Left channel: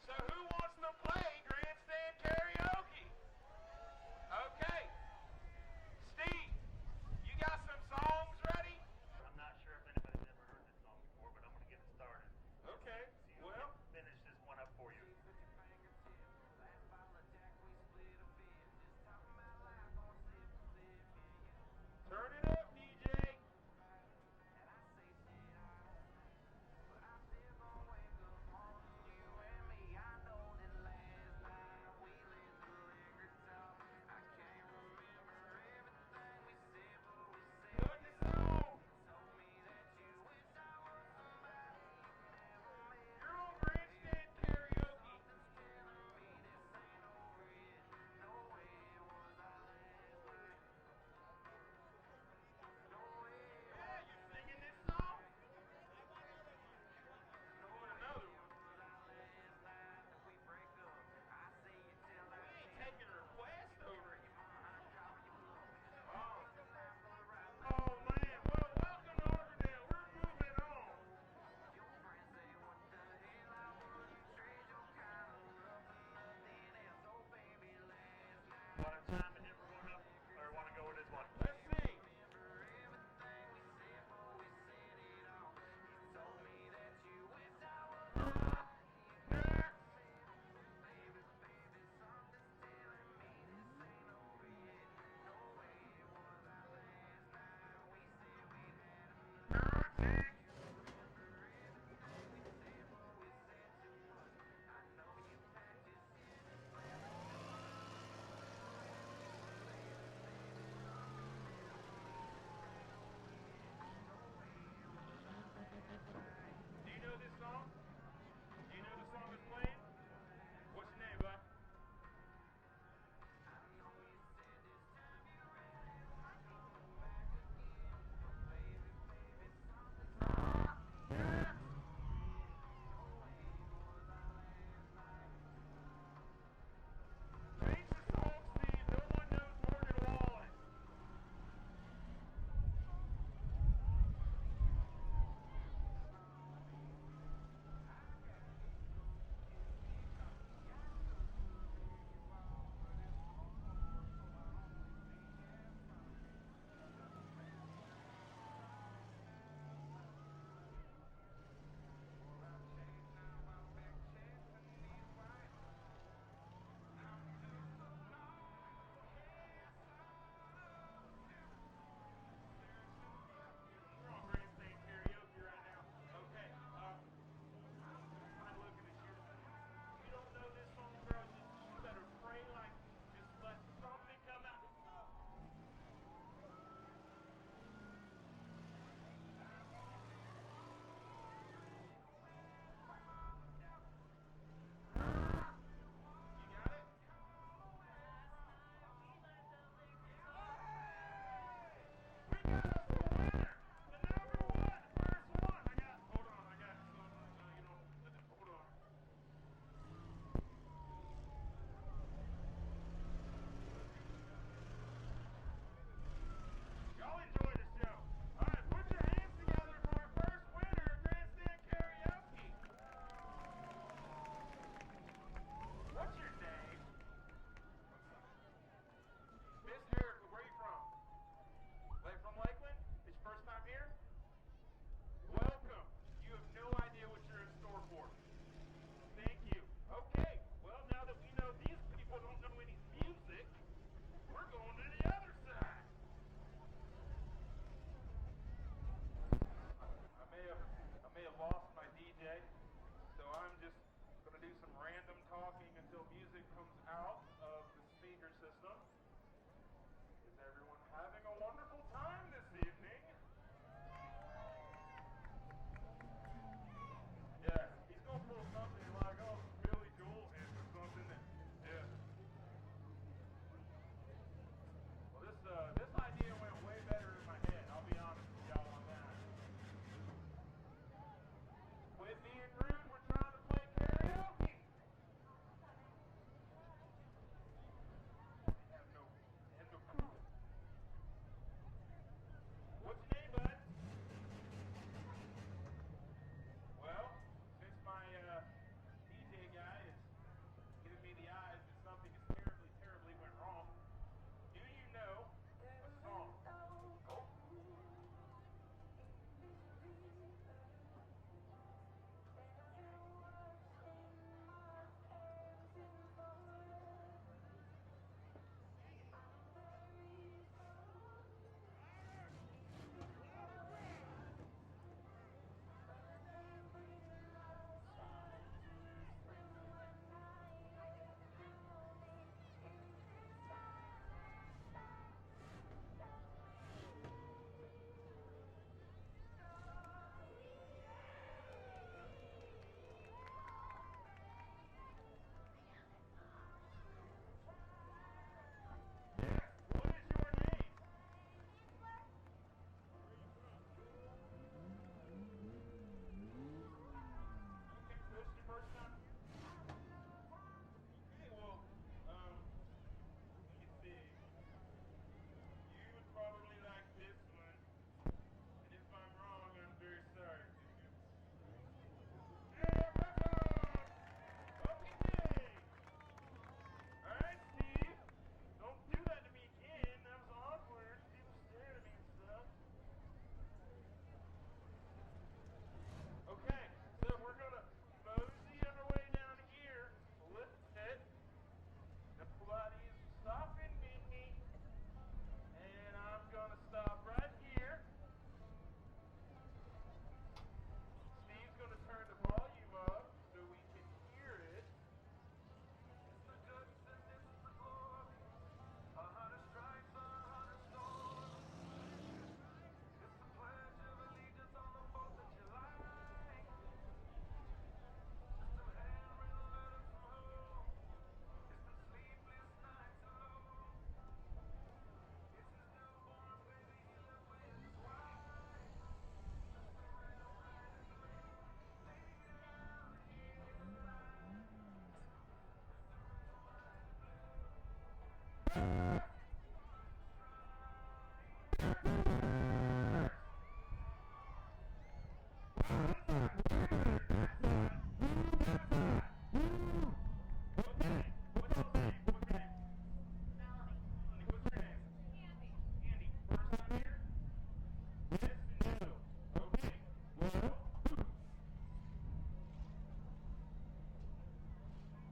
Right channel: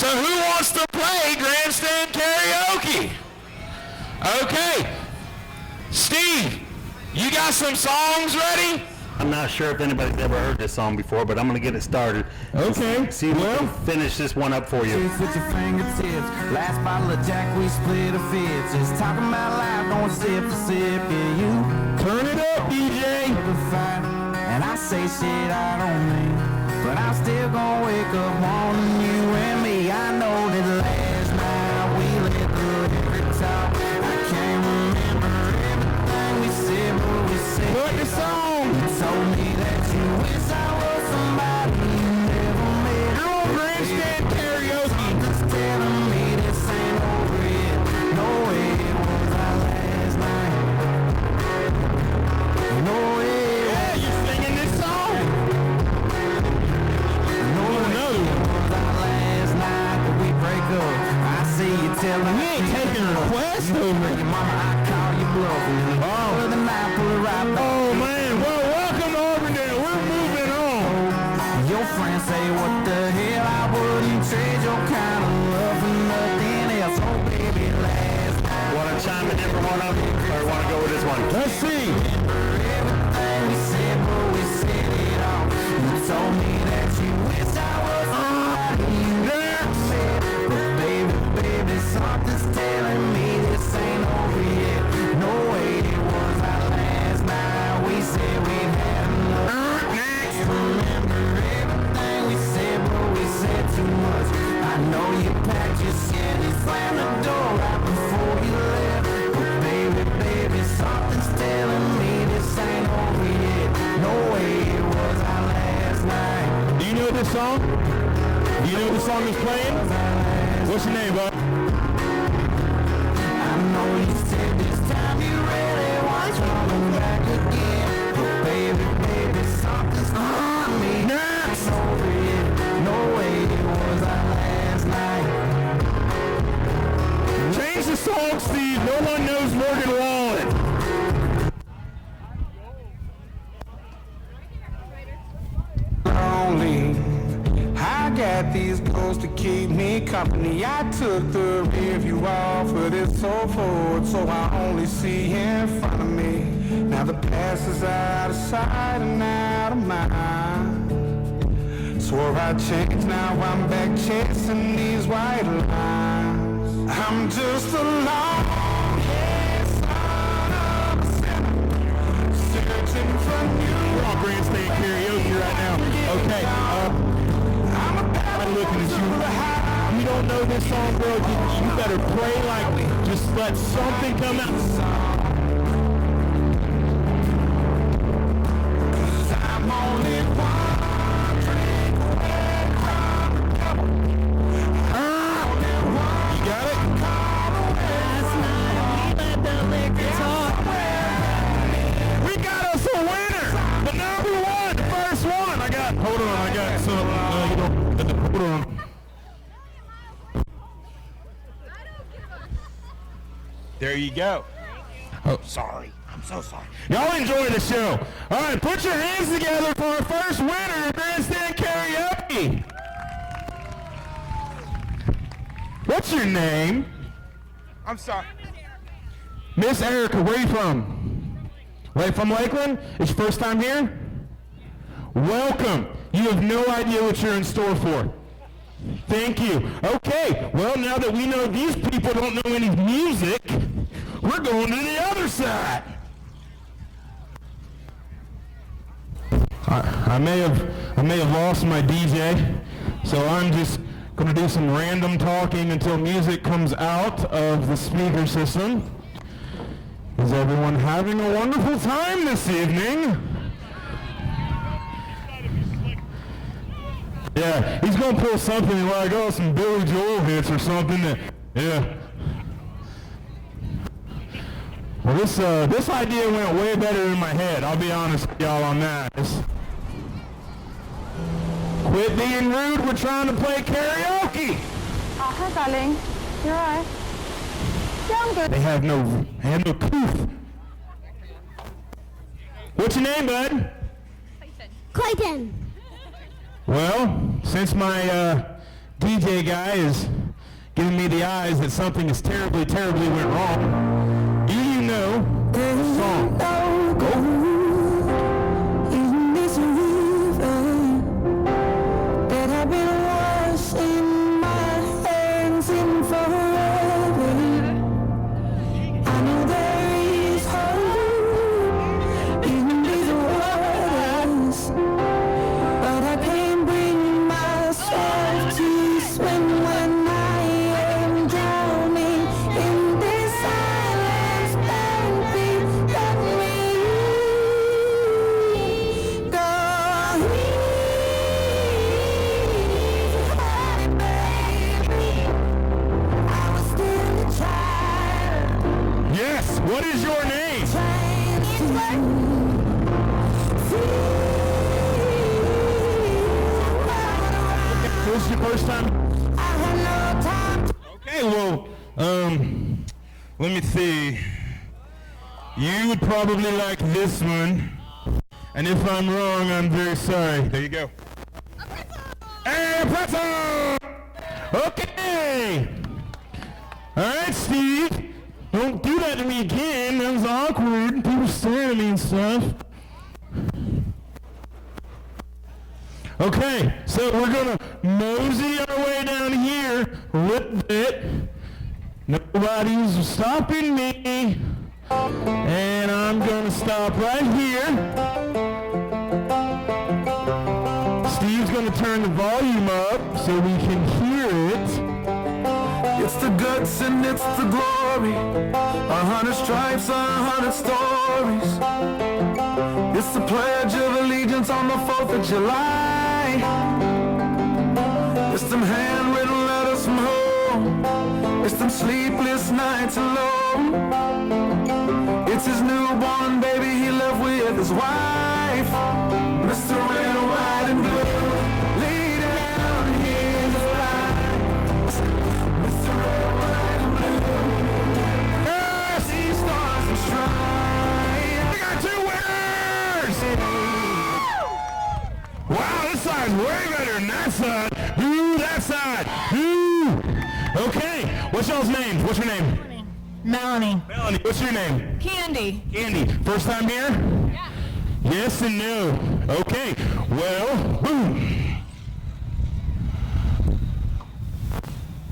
So who wants to play Grandstand Karaoke? Okay. Steve, you got some songs ready? I'm not sure if anybody's ever heard this song before, but I'm going to get it started. Okay. See if we can finish this one up for you. With your fingertips, last bottle of Jack, we split a fifth. Just talking about life, going sip for sip. Yeah, you turn it up, DJ. And I say shit I don't mean, but I'm still gonna wake up wanting you and me. I know that last night we let the every talk. I can't remember everything we said, but we said what the song? You told me that you wish I was somebody you never met. You're on Grandstand Karaoke. Just telling me this ain't over yet. No way it was our last night. No way. Yeah, you singing this song? No way it was our last night that we break up. I see you telling me. You ain't taking a request over. Your mama, I call you bluffing. Oh, the night pull it right back. Oh man, well welcome to Auburndale. We're moving on. Your friends say what the hell, I wouldn't trade your kind of love for nothing else. Oh baby, last night. Want to chime in for one of them, or want to go with this one? Let's see. Everything we said, but we said it all. You told me that you wish I was somebody you never met. But baby, something's telling me this ain't over yet. No way it was our last night. We said we've had enough. Remember everything we said, but we said too much. I know you packed your shit and slammed the door right before you left. But baby, something's telling me this ain't over yet. No way it was our last night. Do you know this song? Do you know what the song is playing? What's your name, bud? I know you said this time you really want to come back again. But baby, something's telling me it's over yet. No way it was our last night. Change the song, Steve. No one knows Morgan Wallen. Lonely. I got these clothes to keep me company. I took the rear view off of this old Ford, so I only see in front of me. Now the past is out of sight and out of mind. Swore I'd change, now I'm back chasing these white lines. I'm just a long-haired son of a sinner, searching for you. We're on Grandstand Karaoke right now. Okay, I'm looking at you. You don't know this song, bro. You better pray like, just let something come out. I'm only one drink away from the devil. You got it? Last night we let the liquor talk. We got us a winner! The number one, the first one! Hold on, I got some, hold on. There you go. Oh, sorry. I'm so sorry. Y'all enjoy the show. All right, put your hands together for our first winner of Grandstand Karaoke. What's your name? I'm sorry. Miss Erica, where are you from? Right from Lakeland? It's your first time here? Welcome. You have no idea what you're in store for. Thank you. Okay, well, now that we know these people don't know any music, we're going to the other side. I may have lost my DJ, so I'm just going to do some random talking until music comes out of the speaker system. Is everyone having a wonderful time this evening? Yeah, he's going to pull something like, oh, some Billy Joel hits or something. Yeah. Well, this idea went way better in my head. I'll be honest with y'all on that. Quit being rude. We're trying to play karaoke. Oh, hi, darling. You're all right. Yeah, I'm good. They have no proof. What's your name, bud? Clayton. Well, since my DJ guy is giving me the eyes that something is terribly, terribly went wrong. Do you know the song? In this river that I've been washing my hands in forever, I know there is hope in these waters, but I can't bring myself to swim when I am drowning in this silence. Baby, let me go easy, baby. I was still a child. Yes, what is your name? This is your first time? Okay, well, let me see. You would probably like this one. And if I'm wrong, I'm very sorry. There you go. Hey, pretzel! Okay! Alright, Steve. Don't do that to me again. That was awkward. People staring at me and stuff. Okay, so we're gonna mosey our way down here a little bit. Nobody's stopping me. And I'm gonna stop right here. Steve's gonna turn the volume up so we can hear it. It's the guts and it's the glory, 100 stripes, 100 stories. It's the Pledge of Allegiance on the 4th of July. It's them handwritten letters from home. It's them sleepless nights alone. It's his newborn baby he left with his wife. Mr. Red, White, and Blue, lay down his life. Mr. Red, White, and Blue, yes, see stars and stripes. We got two winners! Wow, this side's way better than that side. Ooh, that side. Ooh. Okay, what's y'all's names? What's your name? Melanie. Melanie, what's your name? Candy. Candy. First time here? Yeah. Yes and no. Okay, well, boom.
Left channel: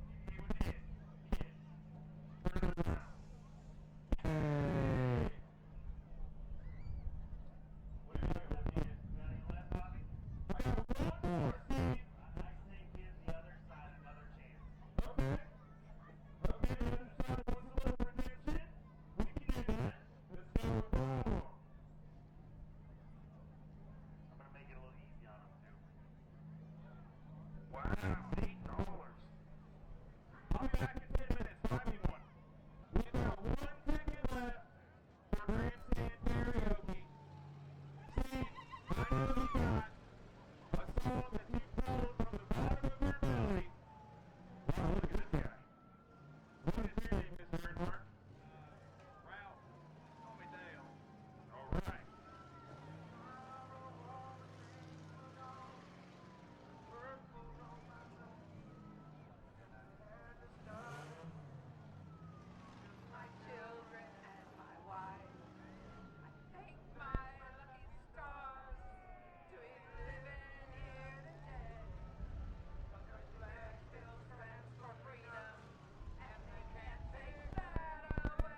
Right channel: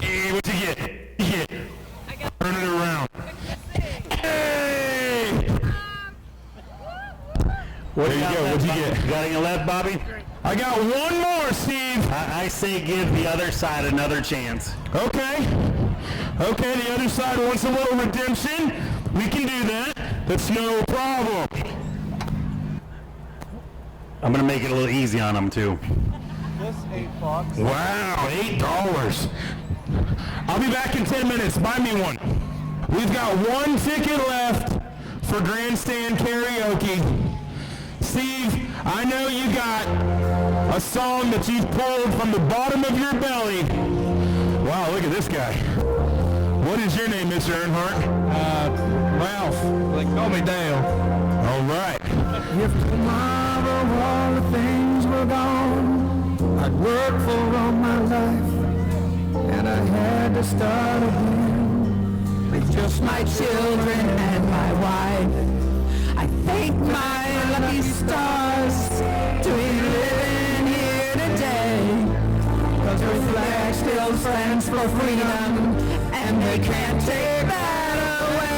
Hey, what'd you get? Turn it around. Hey! What There you go. What'd you get? You got any left, Bobby? I got one more, Steve. I say give the other side another chance. Okay. Okay, the other side wants a little redemption. We can do that. That's no problem. I'm gonna make it a little easy on them too. Wow, $8. I'll be back in 10 minutes. Buy me one. We've got one ticket left for Grandstand Karaoke. Steve, I know you got a song that you've pulled from the bottom of your belly. Wow, look at this guy. What is your name, Mr. Earnhardt? Ralph, they call me Dale. All right. If tomorrow all the things were gone, I'd work for all my life, and I had to start again with just my children and my wife. I thank my lucky stars to be living here today, 'cause our flag still stands for freedom, and they can't take that away.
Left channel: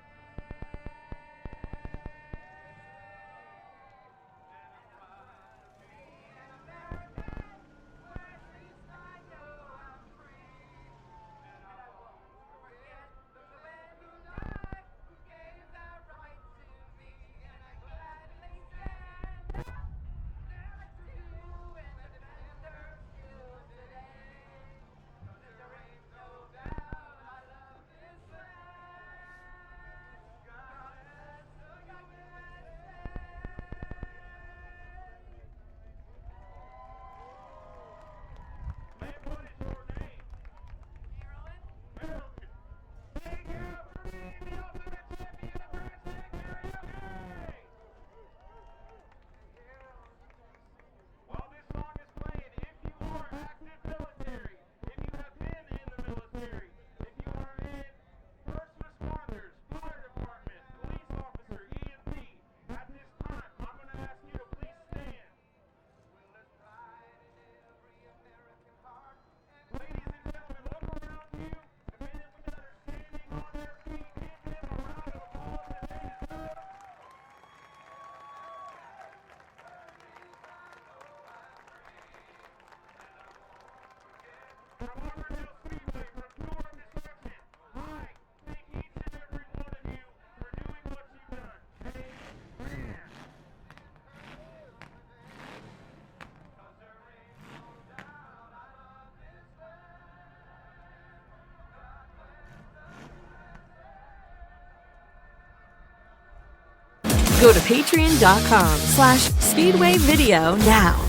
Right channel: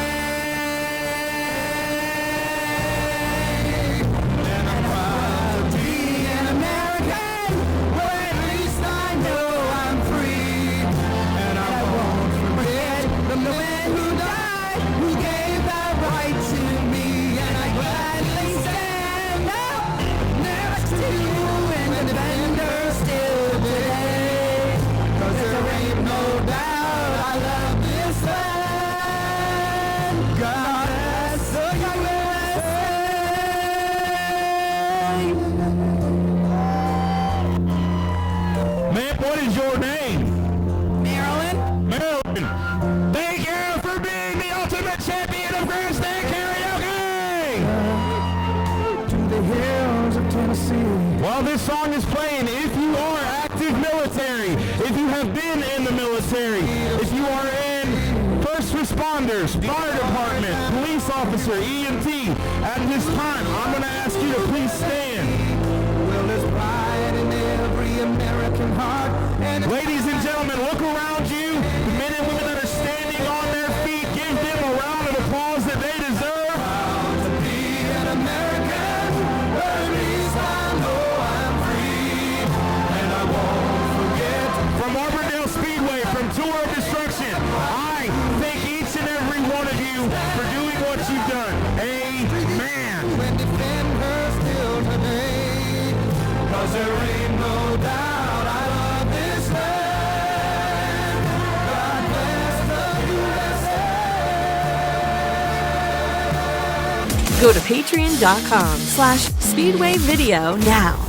And I'm proud to be an American, where at least I know I'm free. And I won't forget the man who died, who gave that right to me. And I gladly stand up next to and defend her still today. 'Cause there ain't no doubt I love this land. God bless the USA. Ma'am, what is your name? Marilyn. Marilyn. Thank you for being the ultimate champion of Grandstand Karaoke! To the hills of Tennessee. While this song is playing, if you are active active military, if you have been in the military, if you are in first responders, fire department, police officer, EMT, at this time, I'm going to ask you to please stand. Well, there's pride in every American heart. And Ladies and gentlemen, look around you. The men and women that are standing on their feet, give them a round of applause that they deserve. proud to be an American. At least I know I'm free. And I won't forget. From Auburndale Speedway, from Tour of Destruction, I thank each and every one of you for doing what you've done. Amen. And defend her still today. 'Cause there ain't no doubt I love this land. God bless the USA. Go to patreon.com/Speedway Video now.